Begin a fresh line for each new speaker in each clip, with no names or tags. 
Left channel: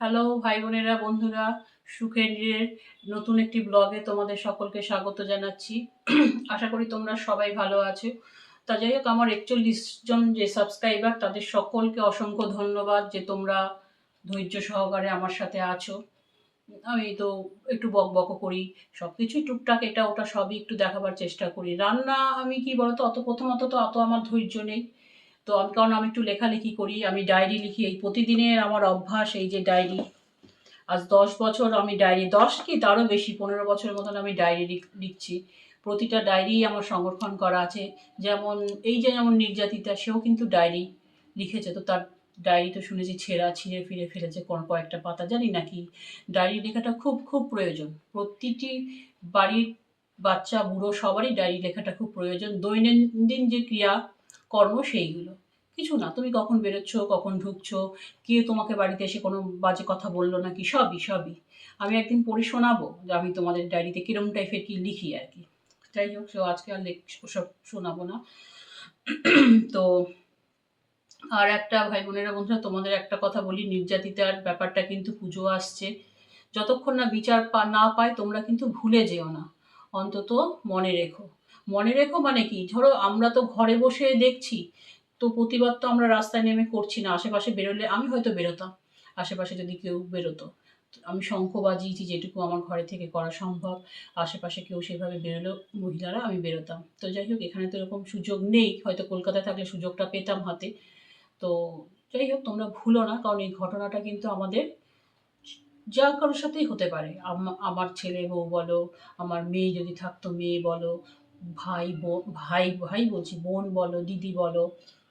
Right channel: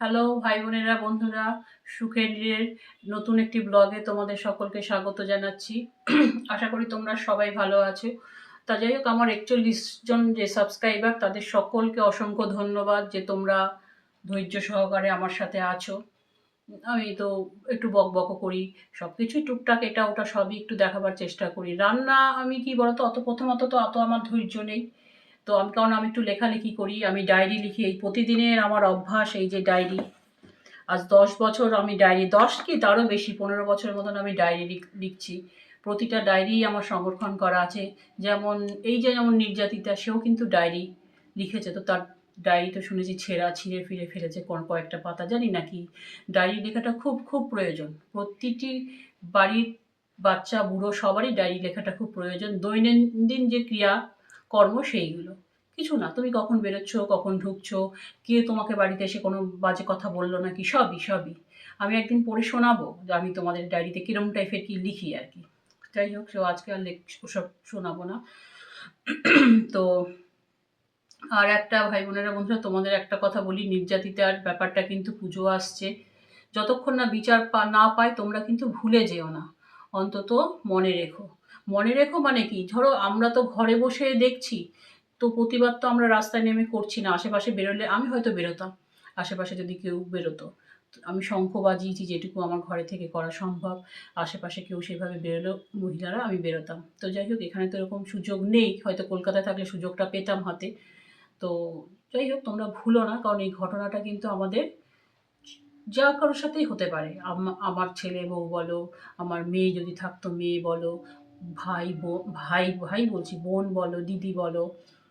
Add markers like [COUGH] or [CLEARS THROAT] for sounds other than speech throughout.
Hello ভাই বোনেরা, বন্ধুরা সুখের নতুন একটি ব্লগে তোমাদের সকলকে স্বাগত জানাচ্ছি। [CLEARS THROAT] আশা করি তোমরা সবাই ভালো আছো। তা যাই হোক, আমার একচল্লিশ জন যে সাবস্ক্রাইবার তাদের সকলকে অসংখ্য ধন্যবাদ যে তোমরা ধৈর্য সহকারে আমার সাথে আছো। আমি তো একটু বক বক করি সব কিছুই টুকটাক এটা ওটা সবই একটু দেখাবার চেষ্টা করি। রান্না আমি কি বলতো, অত প্রথমত তো অত আমার ধৈর্য নেই। তো আমি কারণ আমি একটু লেখালেখি করি, আমি ডায়েরি লিখি। এই প্রতিদিনের আমার অভ্যাস, এই যে ডায়েরি আজ দশ বছর আমি ডায়েরি দশ কি তারও বেশি, পনেরো বছরের মতন আমি ডায়েরি লিখছি। প্রতিটা ডায়েরি আমার সংরক্ষণ করা আছে। যেমন, এই যে যেমন নির্যাতিতা, সেও কিন্তু ডায়েরি লিখেছে। তো তার ডায়েরি তো শুনেছি, ছেঁড়া, ছিঁড়ে ফিরে ফেলেছে কোন কয়েকটা পাতা। জানি নাকি ডায়েরি লেখাটা খুব খুব প্রয়োজন। প্রতিটি বাড়ির বাচ্চা, বুড়ো, সবারই ডায়েরি লেখাটা খুব প্রয়োজন। দৈনন্দিন যে ক্রিয়া কর্ম সেইগুলো। কিছু না, তুমি কখন বেরোচ্ছ, কখন ঢুকছো, কে তোমাকে বাড়িতে এসে কোনো বাজে কথা বলল নাকি, সবই সবই। আমি একদিন পড়ে শোনাবো যে আমি তোমাদের ডায়েরিতে কিরম টাইপের কি লিখি আর কি। যাই হোক, সে আজকে আর লেখ, ওসব শোনাবো না। [CLEARS THROAT] তো আর একটা ভাই বোনেরা, বন্ধুরা, তোমাদের একটা কথা বলি, নির্যাতিতার ব্যাপারটা কিন্তু পুজো আসছে। যতক্ষণ না বিচার পা, না পায়, তোমরা কিন্তু ভুলে যেও না। অন্তত মনে রেখো। মনে রেখো মানে কি? ধরো আমরা তো ঘরে বসে দেখছি তো প্রতিবাদ তো আমরা রাস্তায় নেমে করছি না। আশেপাশে বেরোলে আমি হয়তো বেরোতাম। আশেপাশে যদি কেউ বেরোতো। আমি শঙ্খ বাজিয়েছি যেটুকু আমার ঘরে থেকে করা সম্ভব। আশেপাশে কেউ সেভাবে বেরোলেও মহিলারা আমি বেরোতাম। তো যাই হোক, এখানে তো এরকম সুযোগ নেই। হয়তো কলকাতায় থাকলে সুযোগটা পেতাম হাতে। তো যাই হোক, তোমরা ভুলো না। কারণ এই ঘটনাটা কিন্তু আমাদের যা কারোর সাথেই হতে পারে। আমার ছেলে বউ বলো, আমার মেয়ে যদি থাকতো, মেয়ে বলো, ভাই বোন, ভাই ভাই বলছি, বোন বলো, দিদি বলো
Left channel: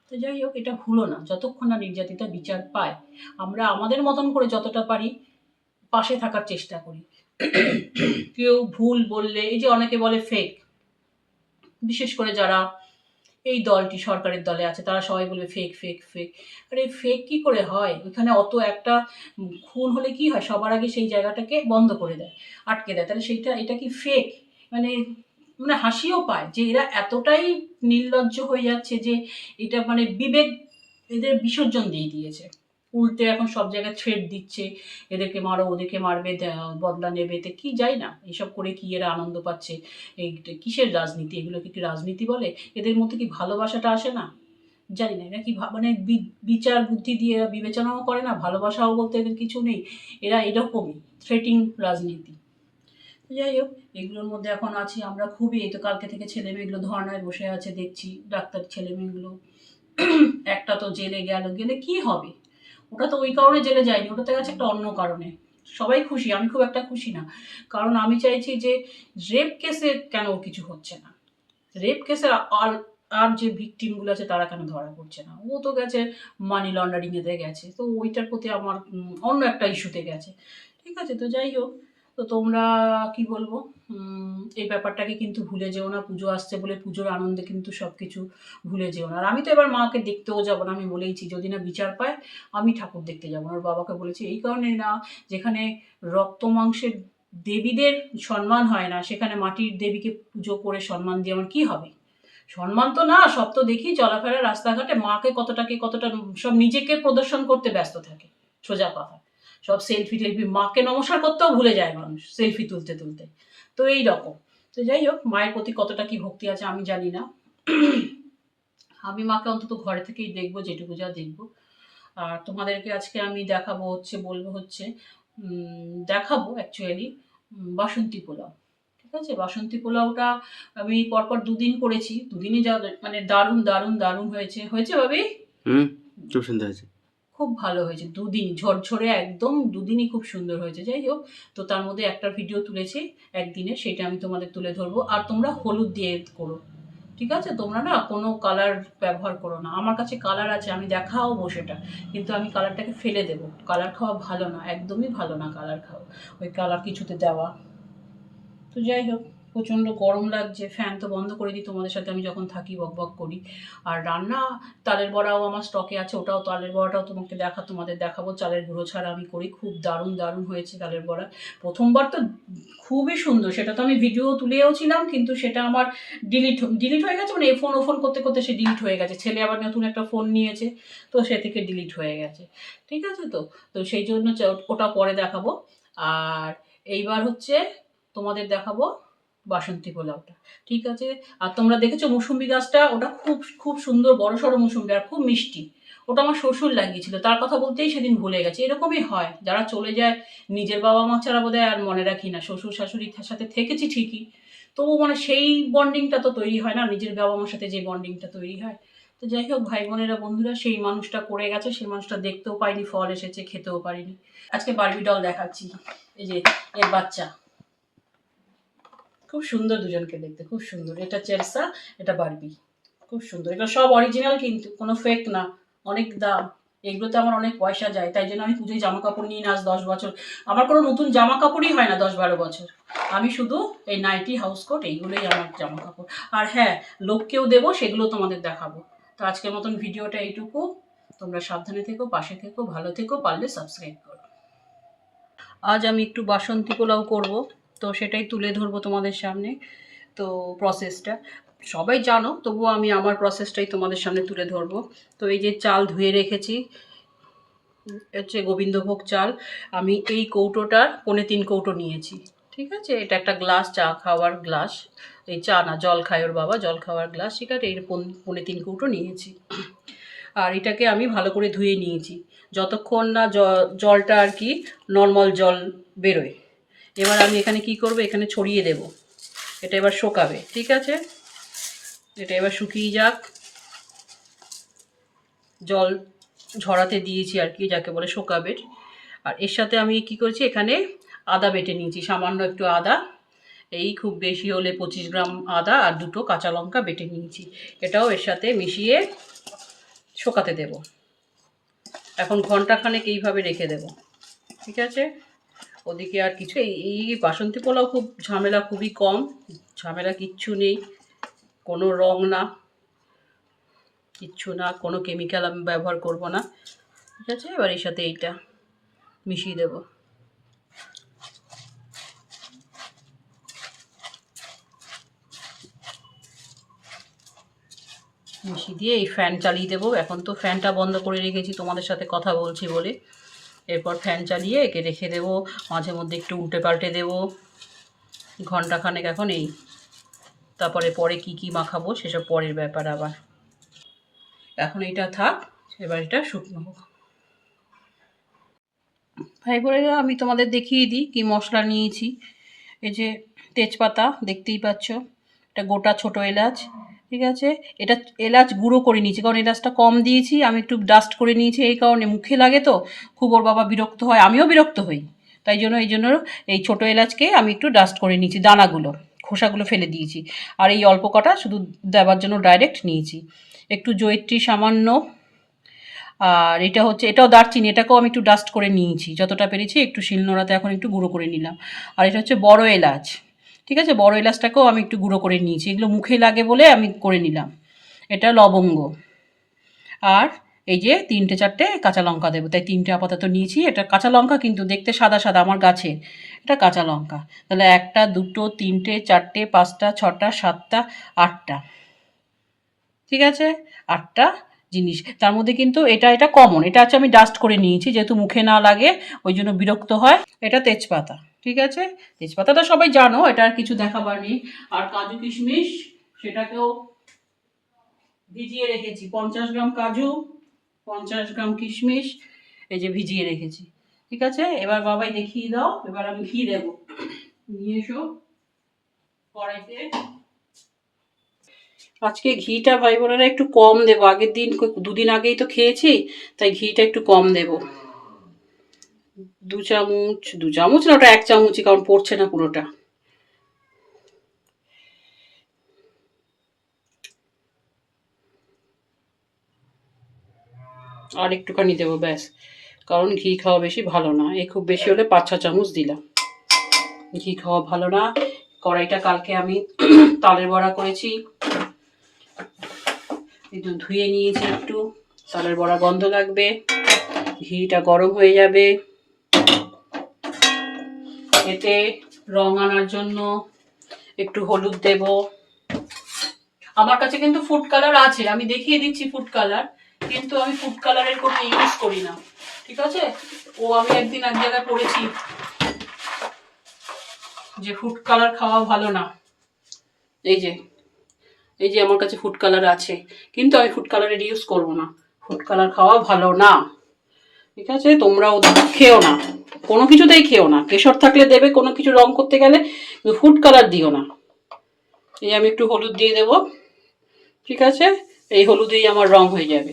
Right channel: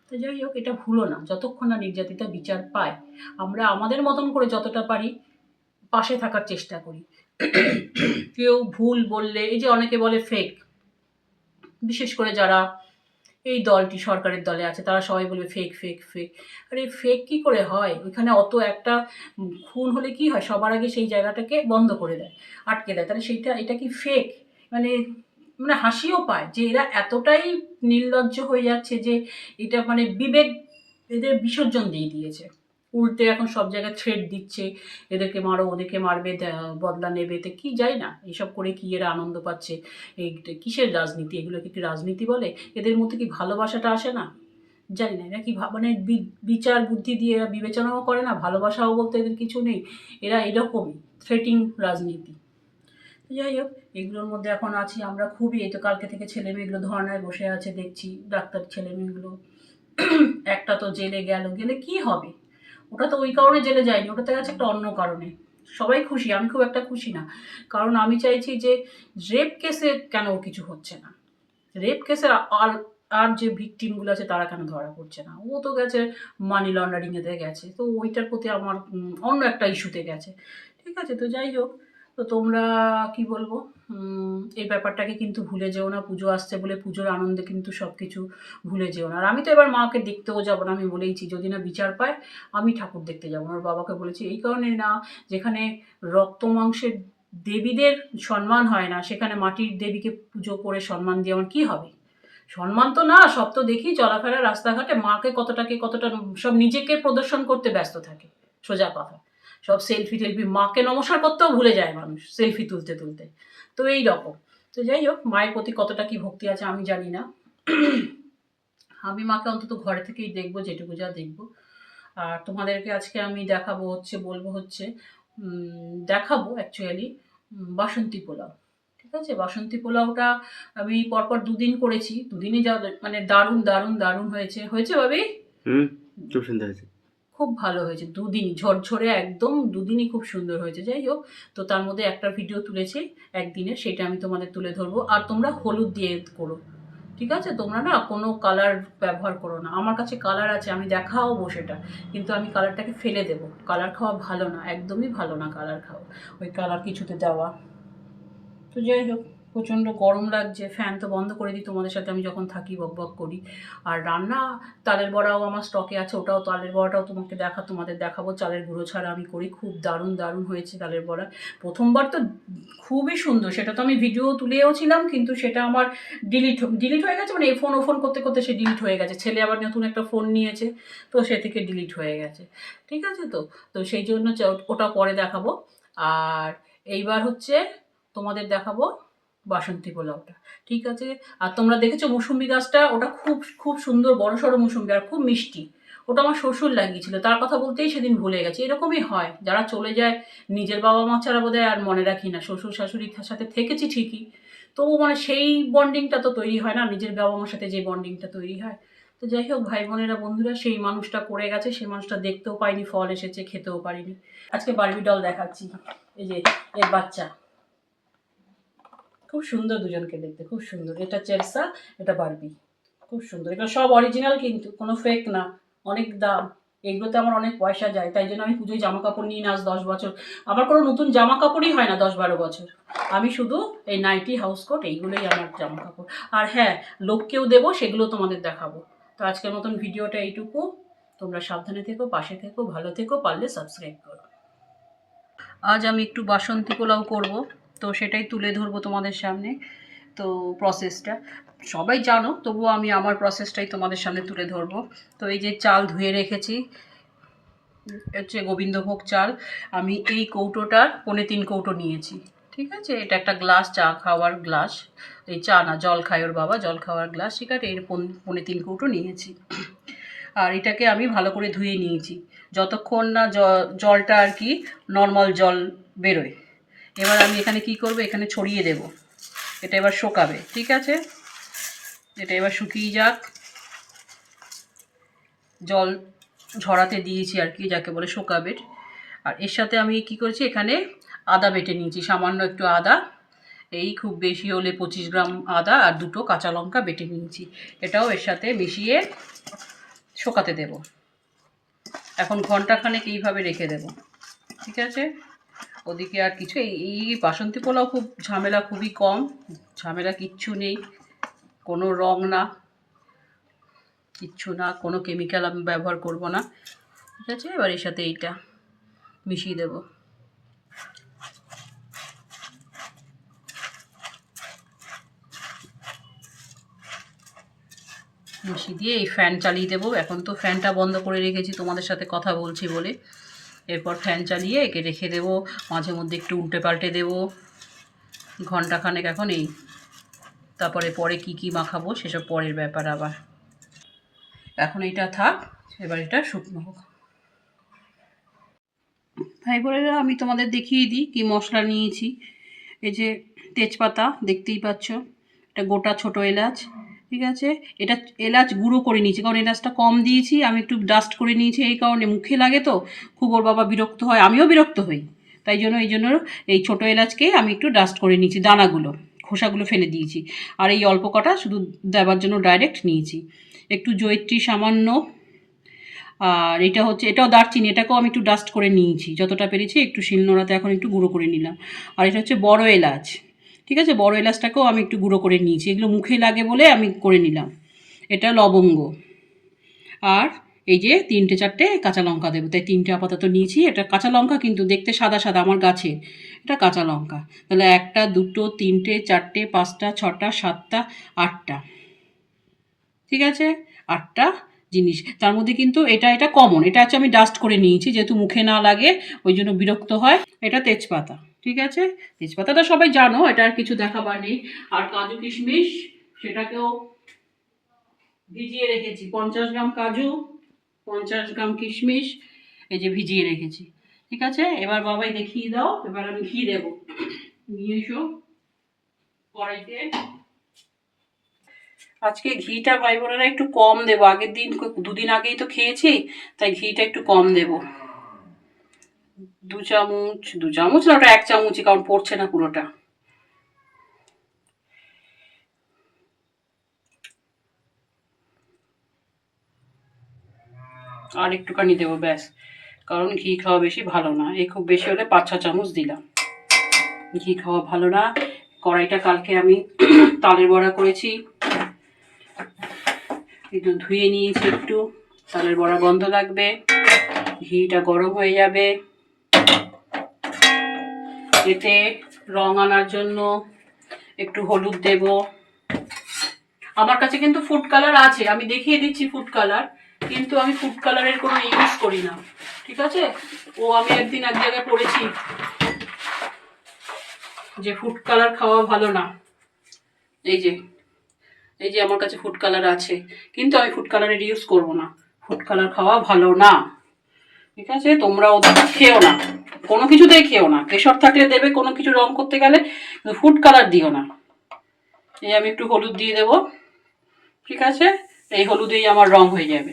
তো যাই হোক, এটা ভুলো না। যতক্ষণ না নির্যাতিতা বিচার পায়, আমরা আমাদের মতন করে যতটা পারি পাশে থাকার চেষ্টা করি। কেউ ভুল বললে, এই যে অনেকে বলে ফেক বিশেষ করে যারা এই দলটি সরকারের দলে আছে, তারা সবাই বলবে ফেক ফেক ফেক আরে ফেক কি করে হয়? ওইখানে অত একটা খুন হলে কি হয়? সবার আগে সেই জায়গাটাকে বন্ধ করে দেয়, আটকে দেয়। তাহলে সেইটা, এটা কি ফেক মানে মানে হাসিও পায় যে এরা এতটাই নির্লজ্জ হয়ে যাচ্ছে যে এটা মানে বিবেক এদের বিসর্জন দিয়ে দিয়েছে। উল্টে এখন সব জায়গায় ছেড় দিচ্ছে, এদেরকে মারো, ওদেরকে মারবে বদলা নেবে, তো কি যাই না, এসব করে কি এরা আনন্দ পাচ্ছে, এই কিসের রাজনীতি, এগুলোকে কি রাজনীতি বলে? এদের মধ্যে কি ভালোবাসাটা আসে না? জানি না, এরা কি মানে বিচার বুদ্ধি দিয়ে এরা বিবেচনাও করে না, ভালোবাসাও বলতে এদের কিছু নেই, এরা এরকমই থ্রেটিং রাজনীতি। যাই হোক, এগুলোর মধ্যে এখন আছি আমরা খুবই। এই তো কালকে থেকে ছেলে মেয়েগুলো ধর্নায় বসে আছে, দেখছি ডাক্তার ছেলে মেয়েগুলো। [CLEARS THROAT] একটা তো জেলে গেল। গেলে কি হবে? ওটা তো ওই কারণে জেলে যায়নি, ওটাতে গেছে একটা অন্য কারণে। সবাই খুশি, আমি খুব একটা খুশি না। কারণ আমি চাইছি যে রেপ কেসে কেন কিছু হচ্ছে না? রেপ কেসের আর আর যে ভিকটিমগুলো আছে তারা কেন ধরা পড়ছে না? ও তো গেছে মানি লন্ডারিংয়েতে গেছে। তো ওইটার প্রতি আমার অন্য একটা ইস্যুতে গেছে। ঠিক আছে, তো যাই হোক তো তোমরা, কি বলব এই ব্যাপারটাকে কিন্তু ভুলে যেও না। পুজো আসছে বলে পুজোর আনন্দে কিন্তু সব কিছু ভুলে যেও না। আর আমি তো এবার মাকে দেখতেও যাব না, আমি বলেইছি, যদি না বিচার পায়, আমি ঠাকুর দেখতে যাব ওর বাবাকে বলেছি, এই কারণে না, যেখানে রক্ত মাংসের দেবীদের সম্মান হয় না, সেখানে মাটির দেবীকে পুজো করে সম্মান দিয়ে আমার কী হবে? সম্মান তো না, সব তো দেখি, চলাফেরা, রাস্তাঘাটে মাকে কতটাকে কতটা সব নিজেকে প্রদর্শন করতে ব্যস্ত থাকে, সোজা কথা। সব সেলফি টেলফি, মাকে নমস্কার করতেও ভুলে যায় মানুষ সেলফি তুলতে তুলতে। তো এই রকম। তো যাই হোক, মায়ের প্রতি কতটা কি ভক্তি আছে আমি জানি না। আমি মাকে অন্তত ঘরে থেকেই দেখব, যেটুকু যা দেখব। আর তোমাদেরকে আজকে আমি দেখাবো হচ্ছে, বলব হচ্ছে দেখাবো অ্যাকচুয়ালি বাসন্তী পোলাও। ঠিক আছে? বাসন্তী পোলাওটা আমি পরপর দুদিন করেছি। দুদিনই যা মানে দারুণ দারুণ দারুণ হয়েছে। হয়েছে ভাবি?
হুম, খুব সুন্দর হয়েছে।
খুব ভালো হয়েছে। দুদিন ঝরঝরে একদম দুদিনই খুব সুন্দর হয়েছে। যাই হোক, তো তার মধ্যে একটা ভিডিও তুলেছি একদিনে, সেটা আমি তোমাদের তুলে ধরবো। আর তোমরা হলুদ দিয়ে করো, ঠিক আছে? তোমরা না কোনো কালার ব্যবহার করো না। আমার কাছে কালার আছে, আমি দেখাও সেটা। কিন্তু আমি কালারটাকে ফেলে দেব। কালার খাওয়া ভালো না, একদমই ভালো না কালার খাওয়া। ওই কালার কিছুতে দেওয়া। তো যাই হোক। প্রচণ্ড গরম লাগছে ফ্যান তো বন্ধ করে দিই, তোমাদের সাথে আমি যখন থাকি বক বক করি। আর রান্না, তালের বড়াও আমার স্টকে আছে, ওটাও তালের বড়াটাও তোমাকে দেখা, তোমাদের দেখাবো, চালের গুঁড়ো ছাড়া আমি করি, খুব দারুণ দারুণ হয়েছে তালের বড়া। প্রথমবার তো খুবই সুন্দর, সেটা তো আমি ভিডিও তুলেও ছিলাম, কিন্তু সেটা আমার ডিলিট ডিলিট হয়ে গেছে মানে এই ফোন ও ফোন করতে করতে সে ডিলিট হয়ে গেছে। ছেলে আবার নতুন একটা ফোন নিয়েছে, তো সে থেকে ডিলিট হয়ে গেছে। ঠিক আছে তো? তো সেই জন্য ওটা পরে দেখাবো। আর এইবার হচ্ছে তোমাদের দেখাবো বাসন্তী পোলাওটা। ঠিক আছে? আর তোমরা দেখেছ মুসুম্বি গাছটা? ওটা খুব খুব সুন্দর বড় সড়ো মুসুম্বি আর খুব মিষ্টি। ওটা আমার শ্বশুর লাগিয়েছিল। তার কথা বলতেই সেদিন ভুলে গেছে। এরকমই হয়। যারা চলে যায়, নিজের বাবা মা ছাড়া বোধহয় আর মনে রাখি না। শ্বশুর শাশুড়ির সাথে থেকেছি ঠিকই। তবু মানে সেই বন্ডিংটা তো তৈরি হয় না। নিজের বাবা মার সাথে যে বন্ডিংটা তৈরি হয়। তো যাই হোক, ভাই বোনেরা, বন্ধুরা, সেই মানুষটা করে গেছে। সেই মানুষটা দেখতেও পাইনি, ফল এসেছে, খেতেও পারিনি। আজকে বারবি ডল দেখাচ্ছি। এই যে, এর বাচ্চা। খুব সুন্দর দুজনকে দেখতে, খুব সুন্দর। এটা চেলসা এটা বারবি। খুব সুন্দর। এটা সব অরিজিনাল কিন্তু, কোনো ফেক না। অনেক দাম। এগুলোতে আমার অনেক পয়সা যায়, তাই জন্য আমি পুজোয় জামা কাপড় নিই না আজ দশ বছর। আমার কোনো নতুন জামা কাপড়ই হয় না দশ বারো বছর। আমি শুধু এই নাইটি হাউস কোট এইগুলোই আমার জামা কাপড় আর হ্যাঁ লোককেও দেবো, সেগুলো তোমাদের দেখাবো। তো আজকের মতন ভিডিওটা এইটুকু। তোমরা সাবধানে থেকো, পাশে থেকো, ভালো থেকো, পারলে সাবস্ক্রাইব করো। আজ আমি একটু বাসন্তী পোলাও করব। তো সেটাই তুলে ধরবো তোমাদের সামনে, তো প্রসেসটা সবাই জানো, তবুও আমি আমার প্রসেসটাই তোমাদের সামনে তুলে ধরবো। তো এই যে চাল ধুয়ে রেখেছি, হচ্ছে গোবিন্দভোগ চাল, আমি এই কৌটোটার পনে তিন কৌটো নিয়েছি, ঠিক আছে? এটা একটা গ্লাস চা খাওয়ার গ্লাস এই চা না, জল খায় ওর বাবা, জল খাওয়ার গ্লাস ঠিক আছে? এর পন- পনে তিন কৌটো নিয়েছি। আর এটাকে আমি ভালো করে ধুয়ে নিয়েছি। যতক্ষণ না জলটা আর কি নর্মাল জল বেরোয়। এবার আমি এখানে কি করব? এখানে ছড়িয়ে দেব। এটা এবার শোকাবে, ঠিক আছে? এটা এবার শুকিয়ে যাক। জল ঝরাতে দিয়েছি আর কি, যাকে বলে শোকাবে। আর এর সাথে আমি কি করেছি? এখানে আদা বেটে নিয়েছি, সামান্য একটু আদা। এই খুব বেশি হলে পঁচিশ গ্রাম আদা আর দুটো কাঁচা লঙ্কা বেটে নিয়েছি। এটাও এর সাথে মিশিয়ে শোকাতে দেব। এখন ঘন্টাখানেক এইভাবে রেখে দেব, ঠিক আছে? ওদিকে আর কিছু, এই বাসন্তী পোলাও খুব ঝামেলা খুবই কম, ঝামেলা কিচ্ছু নেই, কোনো রং না, কিচ্ছু না, কোনো কেমিক্যাল আমি ব্যবহার করব না, ঠিক আছে? এবার এর সাথে এইটা মিশিয়ে দেব। মিশিয়ে দিয়ে এই ফ্যান চালিয়ে দেবো। এখন তো ফ্যানটা বন্ধ করে রেখেছি, তোমাদের সাথে কথা বলছি বলে। এরপর ফ্যান চালিয়ে একে রেখে দেবো। মাঝে মধ্যে একটু উল্টে পাল্টে দেবো। ঘন্টাখানেক এখন এই। তারপরে পরে কি কি মাখাবো সেসব পরের ব্যাপার আবার। এখন এটা থাক, এবার এটা শুকনো হোক। ভাই বোনেরা আমি তোমাদের দেখিয়ে দিই কি মশলা নিয়েছি। এই যে তেজপাতা, দেখতেই পাচ্ছ। এটা গোটা ছোট এলাচ। ঠিক আছে? এটা এলাচ গুঁড়ো করে নিয়েছি, কারণ এলাচটা কম দিয়েছি, আমি একটু ডাস্ট করে নিয়েছি, এই কারণে মুখে লাগে তো। খুব ওর বাবা বিরক্ত হয়, আমিও বিরক্ত হই। তাই জন্য, এই জন্য এই ছোটো এলাচকে আমি একটু ডাস্ট করে নিয়েছি, দানাগুলো, খোসাগুলো ফেলে দিয়েছি। আর এই অল্প কটা শুধু দেওয়ার জন্য ডাইরেক্ট নিয়েছি। একটু জয়িত্রী সামান্য, আর এটা হচ্ছে, এটাও দারচিনি, এটাকেও আমি একটু ডাস্ট করে নিয়েছি, যতটা পেরেছি একটু শিলনোড়াতে এখন একটু গুঁড়ো করে নিলাম। আর এটা হচ্ছে বড় এলাচ। ঠিক আছে? বড় এলাচটাকেও আমি একটু গুঁড়ো করে নিয়েছি। এগুলো মুখে লাগে বলে আমি করে নিলাম। এটা লবঙ্গ। আর এই যে তিনটে চারটে কাঁচা লঙ্কা দেবো। তাই তিনটে আপাতত নিয়েছি। এটা কাঁচা লঙ্কা কিন্তু দেখতে সাদা সাদা আমার গাছে। এটা কাঁচা লঙ্কা। তাহলে একটা, দুটো, তিনটে, চারটে, পাঁচটা, ছটা, সাতটা, আটটা। ঠিক আছে? আটটা জিনিস। তার মধ্যে কিন্তু এটা এটা কমন এটা হচ্ছে আমি ডাস্ট করে নিয়েছি। যেহেতু মুখে না লাগে, ওই জন্য বিরক্ত হয়। এটা তেজপাতা। ঠিক আছে? তেজপাতাটা সবাই জানো, এটা আর কিছু দেখাবার নেই। আর কাজু কিশমিশ, সেটাকেও ভিজিয়ে রেখেছি। পঞ্চাশ গ্রাম কাজু, পঞ্চাশ গ্রাম কিশমিশ, এই যে ভিজিয়ে রেখেছি। ঠিক আছে? এবার বাবাই দেখিয়ে দাও, এবার আমি ঘি দেবো। নিয়ে এসো কড়াইতে। আজকে ঘিটা ভাই বোনেরা একটু কম দেবো। আগের দিন দুদিন আগেই তো খেয়েছি, তাই ঘিটা একটু কম দেবো। দু চামচ দু চামচ না, ওটা এক চামচই, কারণ পড়ছে না পুরোটা। আর একটুখানি দেবো, ব্যাস। কারণ ঘি খাওয়া বেশি ভালো না। এই খুব বেশি হলে পাঁচ, ছ চামচ দিলাম। ঘি খাওয়া ভালো না। কড়াইটা কালকে আমি [CLEARS THROAT] তালের বড়া করেছি। একটু ধুয়ে নিয়েছি একটু। তালের বড়া গন্ধ লাগবে। ঘিটা গরম হয়ে যাবে। এতে রং আনার জন্য একটু হলুদ দেব। আমার কাছে কিন্তু ফুড কালার আছে, আমি দেখিয়ে দিচ্ছি ফুড কালার কিন্তু আমি ফুড কালারের কোনো ইউজ করি না। ঠিক আছে? ও আমি একদিন এক জায়গায় পড়েছি যে ফুড কালার খাওয়া ভালো না। এই যে এই যে আমার কাছে ফুড কালার আছে, কিন্তু আমি ফুড কালারের ইউজ করব না। ফুড কালার খাওয়া ভালো না। ঠিক আছে? তোমরা ওদের খেও না। কোনো কিছুতেই খেও না। কেশর থাকলে দেবে, কোনো কিছু রং করতে গেলে ফুড কালার দিও না। এই আমি একটু হলুদ দিয়ে দেব। ঠিক আছে? এই হলুদেই আমার রং হয়ে যাবে।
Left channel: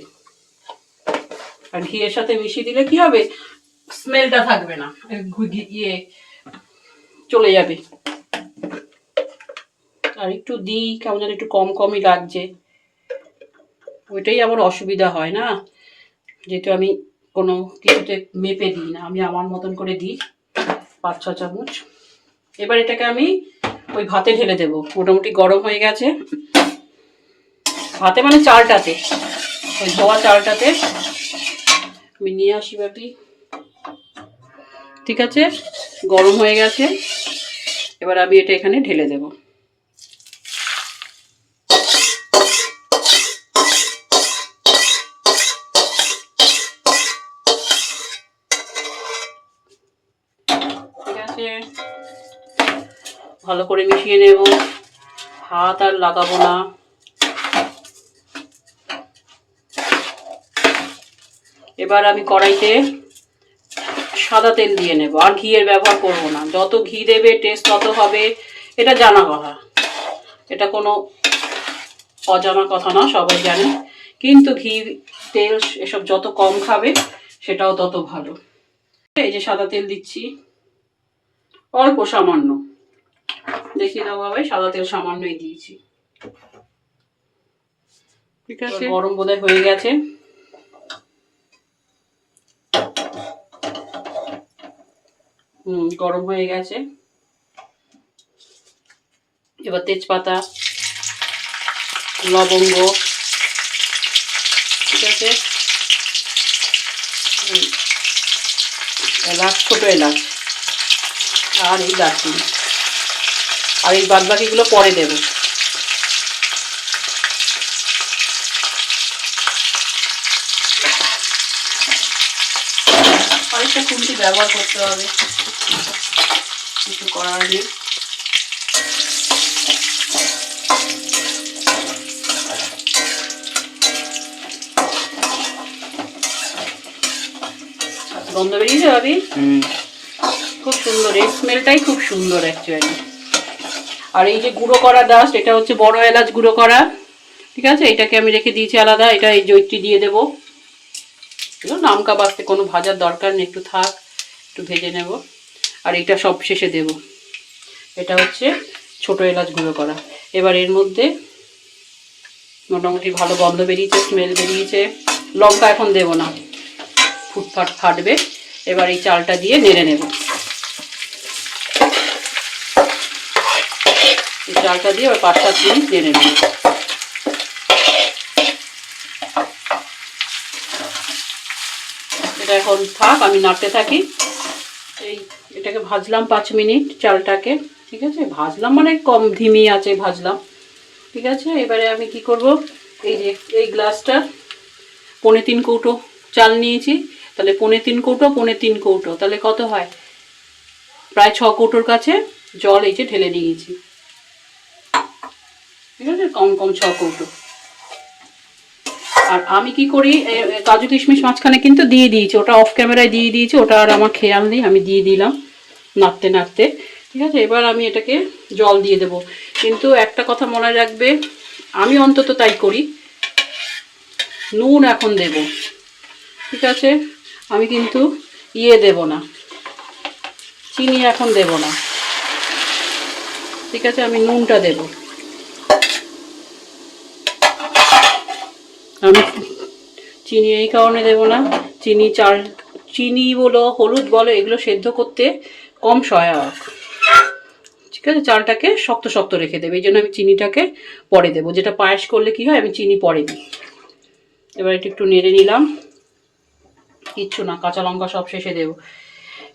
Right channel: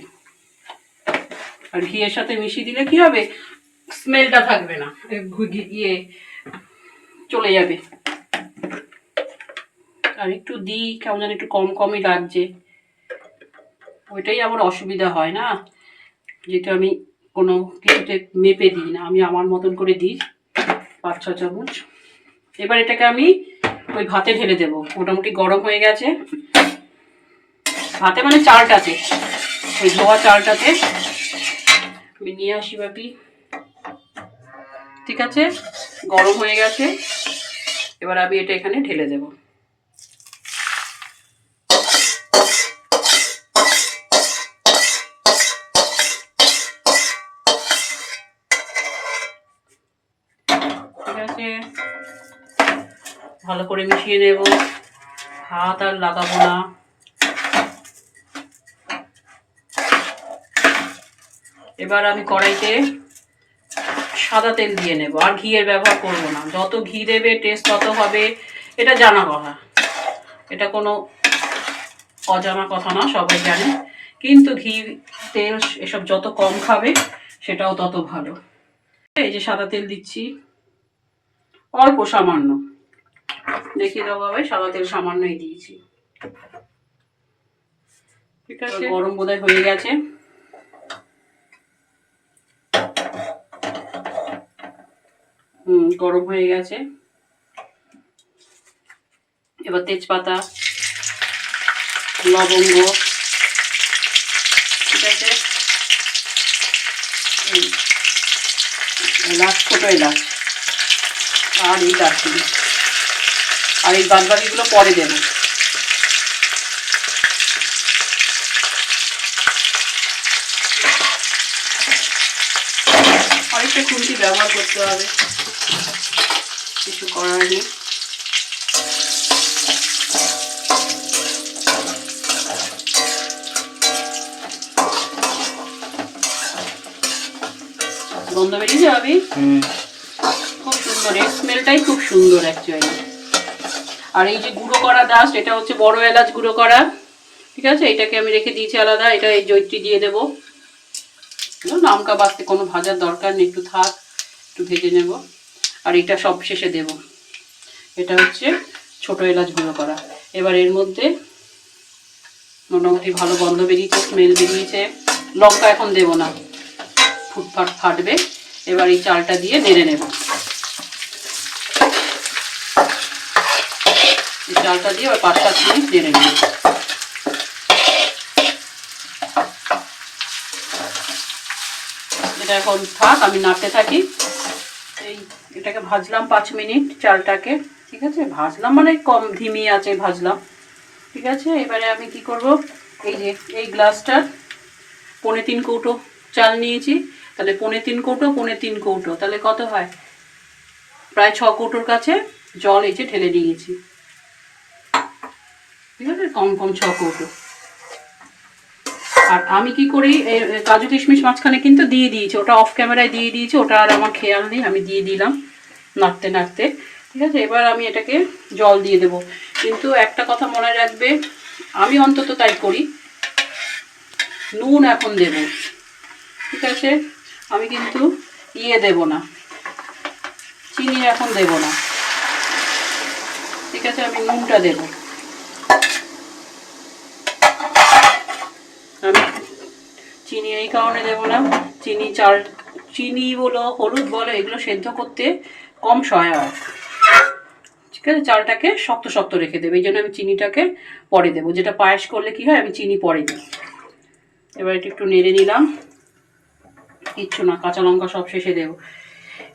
আর ঘিয়ের সাথে মিশিয়ে দিলে কি হবে? স্মেলটা থাকবে না। ইয়ে চলে যাবে। আর একটু দিই, কেমন যেন একটু কম কমই লাগছে। ওইটাই আমার অসুবিধা হয় না। যেহেতু আমি কোনো কিছুতে মেপে দিই না, আমি আমার মতন করে দিই পাঁচ, ছ চামচ। এবার এটাকে আমি ওই ভাতে ঢেলে দেবো। মোটামুটি গরম হয়ে গেছে। ভাতে মানে চালটাতে, ওই ধোয়া চালটাতে আমি নিয়ে আসি বাপি ঠিক আছে? গরম হয়ে গেছে। এবার আমি এটা এখানে ঢেলে দেব। ভালো করে মিশিয়ে নেব। হাত আর লাগাবো না। এবার আমি কড়াইতে সাদা তেল দিয়ে নেব। আর ঘিয়ের ব্যবহার করব না। যত ঘি দেবে টেস্ট তত হবে। এটা জানা কথা। এটা কোনো অজানা কথা না, সবাই জানে। কিন্তু ঘি, তেল, এসব যত কম খাবে, সেটাও তত ভালো। এই যে সাদা তেল দিচ্ছি। অল্প সামান্য। দেখিয়ে দেবো সাদা তেল সামান্যই দিয়েছি। ঠিক আছে। গরম বোধহয় হয়ে গেছে। হুম গরম হয়ে গেছে। এবার তেজপাতা লবঙ্গ ঠিক আছে? এলাচ ছোটো এলাচ। আর এই দারচিনি। আর এই বাদ বাকিগুলো পরে দেবে। আরেকটা খুন্তি ব্যবহার করতে হবে। কিছু করার নেই। গন্ধ বেরিয়েছে ভাবি? খুব সুন্দর এর স্মেলটাই খুব সুন্দর অ্যাকচুয়ালি আর এই যে গুঁড়ো করা ডাস্ট এটা হচ্ছে বড় এলাচ গুঁড়ো করা। ঠিক আছে? এটাকে আমি রেখে দিয়েছি আলাদা। এটা এই জৈত্রী দিয়ে দেবো। নামকা বাঁচতে কোনো ভাজার দরকার নেই। একটু থাক, একটু ভেজে নেব। আর এটা সব শেষে দেব। এটা হচ্ছে ছোট এলাচ গুঁড়ো করা। এবার এর মধ্যে মোটামুটি ভালো গন্ধ বেরিয়েছে স্মেল বেরিয়েছে। লঙ্কা এখন দেব না। ফুটফাট ফাটবে। এবার এই চালটা দিয়ে নেড়ে নেব। চালটা দিয়ে এবার পাঁচ সাত মিনিট নেব এটা এখন থাক, আমি নাড়তে থাকি। এই এটাকে ভাজলাম পাঁচ মিনিট চালটাকে, ঠিক আছে? ভাজলাম মানে কম ধিমি আছে ভাজলাম ঠিক আছে? এবারে আমি কি করব? এই যে, এই গ্লাসটা, পনে তিন কৌটো চাল নিয়েছি। তাহলে পনে তিন কৌটো, পনে তিন কৌটো। তাহলে কত হয়? প্রায় ছ কৌটোর কাছে জল এই যে ঢেলে নিয়েছি। কম কম ছ কৌটো। আর আমি কি করি কাজু কিশমিশ মাঝখানে কিন্তু দিয়ে দিয়েছি, ওটা অফ ক্যামেরায় দিয়ে দিয়েছি, ওটা আর আমার খেয়াল নেই, আমি দিয়ে দিলাম নাড়তে নাড়তে। ঠিক আছে? এবার আমি এটাকে জল দিয়ে দেব। কিন্তু একটা কথা মনে রাখবে, আমি অন্তত তাই করি। নুন এখন দেব। ঠিক আছে? আমি কিন্তু ইয়ে দেব না। চিনি এখন দেব না। ঠিক আছে? আমি নুনটা দেব। আমি চিনি এই কারণে দেব না। চিনি চাল, চিনি বলো, হলুদ বলো, এগুলো সেদ্ধ করতে কম সহায়ক। ঠিক আছে? চালটাকে শক্ত শক্ত রেখে দেবে। এই জন্য আমি চিনিটাকে পরে দেবো। যেটা পায়েস করলে কি হয়, আমি চিনি পরে দিই। এবার এটা একটু নেড়ে নিলাম। কিচ্ছু না, কাঁচা লঙ্কা সব শেষে দেবো।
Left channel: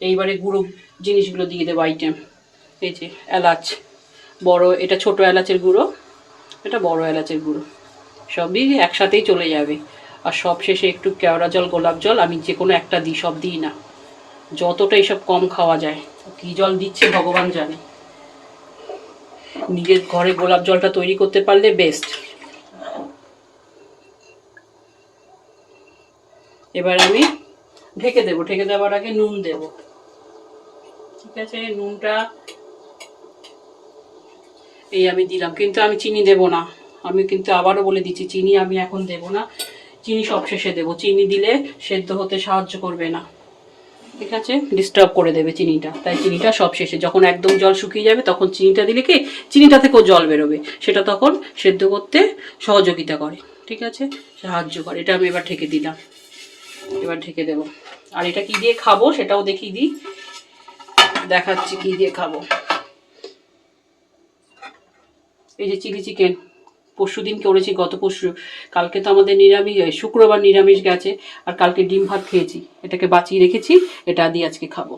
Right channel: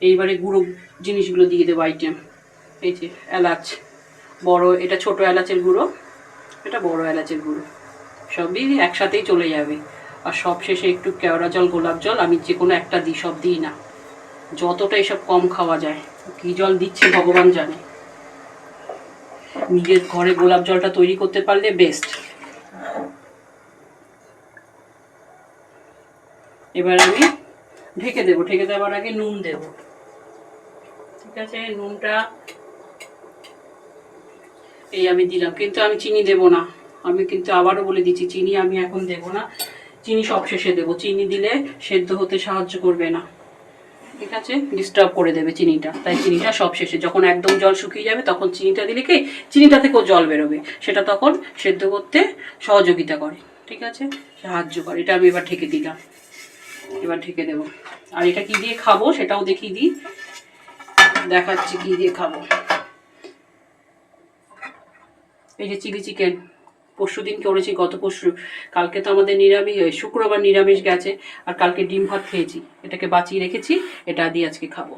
এইবারে গুঁড়ো জিনিসগুলো দিয়ে দেবো আইটেম। এই যে, এলাচ। বড়, এটা ছোট এলাচের গুঁড়ো, এটা বড় এলাচের গুঁড়ো। সবই একসাথেই চলে যাবে। আর সব শেষে একটু কেওড়া জল, গোলাপ জল, আমি যে কোনো একটা দিই, সব দিই না। যতটা এসব কম খাওয়া যায়, কী জল দিচ্ছে ভগবান জানে। নিজের ঘরে গোলাপ জলটা তৈরি করতে পারলে বেস্ট এবার আমি ঢেকে দেবো, ঢেকে দেওয়ার আগে নুন দেব। ঠিক আছে, নুনটা এই আমি দিলাম। কিন্তু আমি চিনি দেব না। আমি কিন্তু আবারও বলে দিচ্ছি, চিনি আমি এখন দেব না। চিনি সব শেষে দেবো। চিনি দিলে সেদ্ধ হতে সাহায্য করবে না। ঠিক আছে? ডিস্টার্ব করে দেবে চিনিটা। তাই চিনিটা সব শেষে যখন একদম জল শুকিয়ে যাবে, তখন চিনিটা দিলে কি? চিনিটা থেকেও জল বেরোবে। সেটা তখন সেদ্ধ করতে সহযোগিতা করে। ঠিক আছে? সাহায্য করে। এটা আমি এবার ঢেকে দিলাম। এবার ঢেকে দেবো। আর এটা কি দিয়ে খাব? সেটাও দেখিয়ে দিই। দেখাচ্ছি কি দিয়ে খাব। এই যে চিলি চিকেন, পরশু দিন করেছি, গত পরশু, কালকে তো আমাদের নিরামিষ শুক্রবার নিরামিষ গেছে, আর কালকে ডিম ভাত খেয়েছি, এটাকে বাঁচিয়ে রেখেছি, এটা দিয়ে আজকে খাব।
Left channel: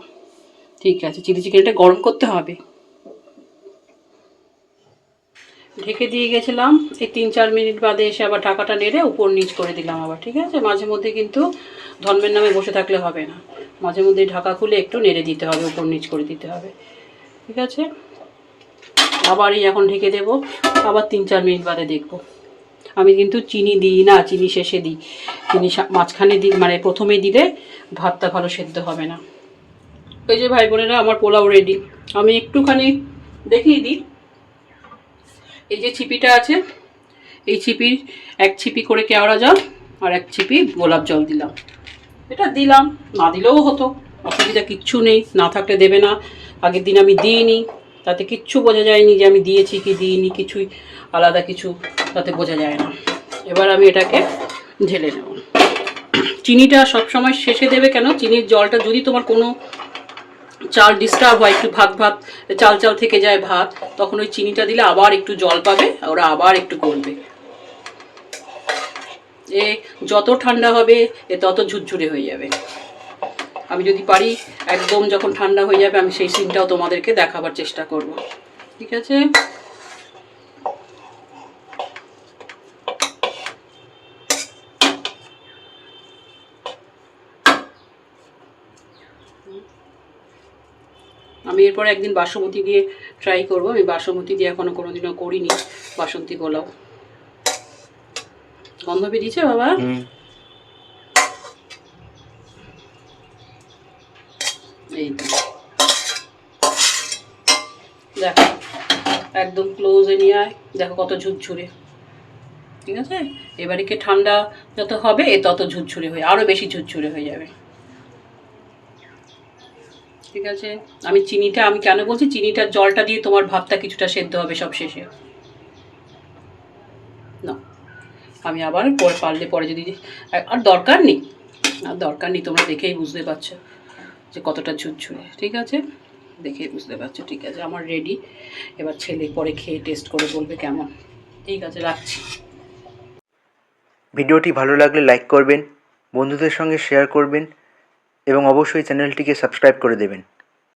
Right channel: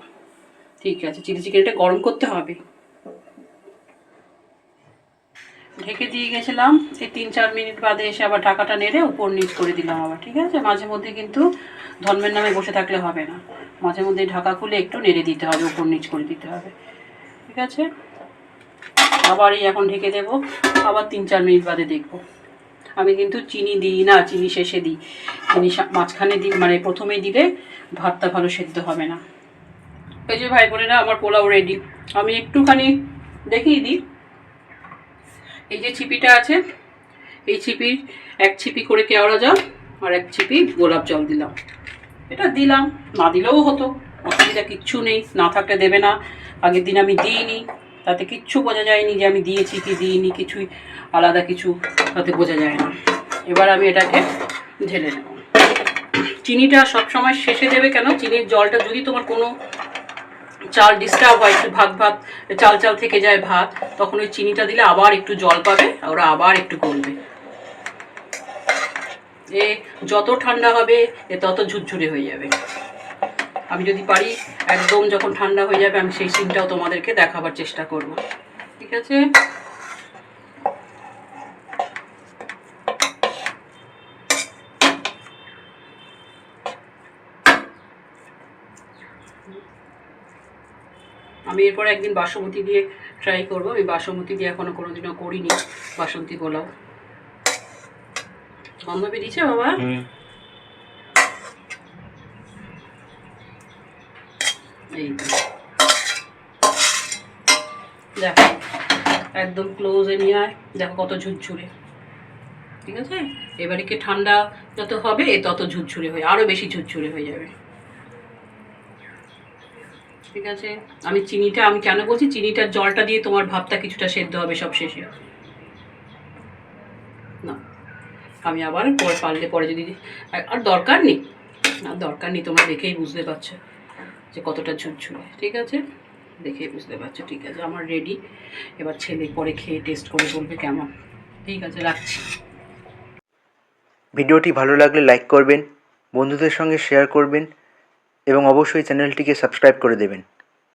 ঠিক আছে, চিলি চিকেনটা গরম করতে হবে। ঢেকে দিয়ে গেছিলাম, এই তিন চার মিনিট বাদে এসে আবার ঢাকাটা নেড়ে উপর নিচ করে দিলাম আবার, ঠিক আছে? মাঝে মধ্যে কিন্তু ধর্মের নামে বসে থাকলে হবে না। মাঝে মধ্যে ঢাকা খুলে একটু নেড়ে দিতে হবে, উপর নিচ করে দিতে হবে। ঠিক আছে? আবার এই এখন ঢেকে দেবো। আবার তিন চার মিনিট বাদে দেখব। আমি কিন্তু চিনি দিই না, চিনি শেষে দিই। চিনি মাঝখানে দিই মানে প্রথমেই দিলে ভাতটা ভালো সেদ্ধ হবে না। এই যে ভাই বোনেরা, আমার পোলাও রেডি আমি একটুখানি দেখিয়ে দিই। এই যে ছিপিটা আছে, এই ছিপির এক ছিপি করে কেওড়া জল আর এক ছিপি গোলাপ জল দিলাম। এটা দিলাম, না দিলেও হতো, অসুবিধা কিচ্ছু নেই, না থাকলে দেবে না। আগের দিন আমি দিইনি। তাতে কিচ্ছু বোঝা যায়নি যে আমি দিয়েছি কি দিইনি, কিছুই আলাদা কিছু তাতে বোঝা যায় না। এবার আমি এটাকে ঢেলে নেব। চিনিটা সবসময় শেষে দেবে কেন? চিনির জলটা যদি তোমার কোনো চাল ডিস্টার্ব হয়, একটু ভাত ভাত চাল চাল থেকে যায় ভাত, তখন ওই চিনিটা দিলে আবার একটু জল পাবে, ওরা আবার একটু গলবে। এ যত ঠান্ডা হবে, এ তত ঝুরঝুরে হয়ে যাবে। আমি যদি পারি, একদম যখন ঠান্ডা হয়ে যাবে, আমি সেই সিনটাও তোমাদেরকে দেখাবার চেষ্টা করব। ঠিক আছে? আমি এরপরে একদিন বাসমতি দিয়ে ট্রাই করব। আমি বাসমতি দিয়ে এখনও কোনোদিনও করিনি। বাসন্তী পোলাও গন্ধ বেরিয়েছে বাবা? দেখো, একদম ক্লোজে নিয়ে আয়। দেখো কত ঝুরঝুরে। ঠিক আছে? এবারে কি ঠান্ডা যত হবে তত ঝুরঝুরে হয়ে, আরও বেশি ঝুরঝুরে হয়ে যাবে। ঠিক আছে? আমি চিনিটা, আমি কেন বলছি? চিনিটার জলটা দিয়ে তোমার ভাবটা কিছুটা সেদ্ধ হবে সব শেষে। না, আমি আবার পরে পারলে পরে যদি, আর- আর দরকার নেই। না দরকার নেই, তোমরা দেখেই বুঝতে পারছ। যে কতটা ঝুরঝুরে, ঠিক আছে? দেখে বুঝতে পারছ, ঠিক আছে? আমার রেডি এবার ছেলে পরে খেয়ে টেস্ট করে বলবে কেমন। ঠিক আছে, রাখছি।
ভিডিওটি ভালো লাগলে লাইক করবেন, বন্ধুদের সঙ্গে শেয়ার করবেন, এবং অবশ্যই চ্যানেলটিকে সাবস্ক্রাইব করে দেবেন।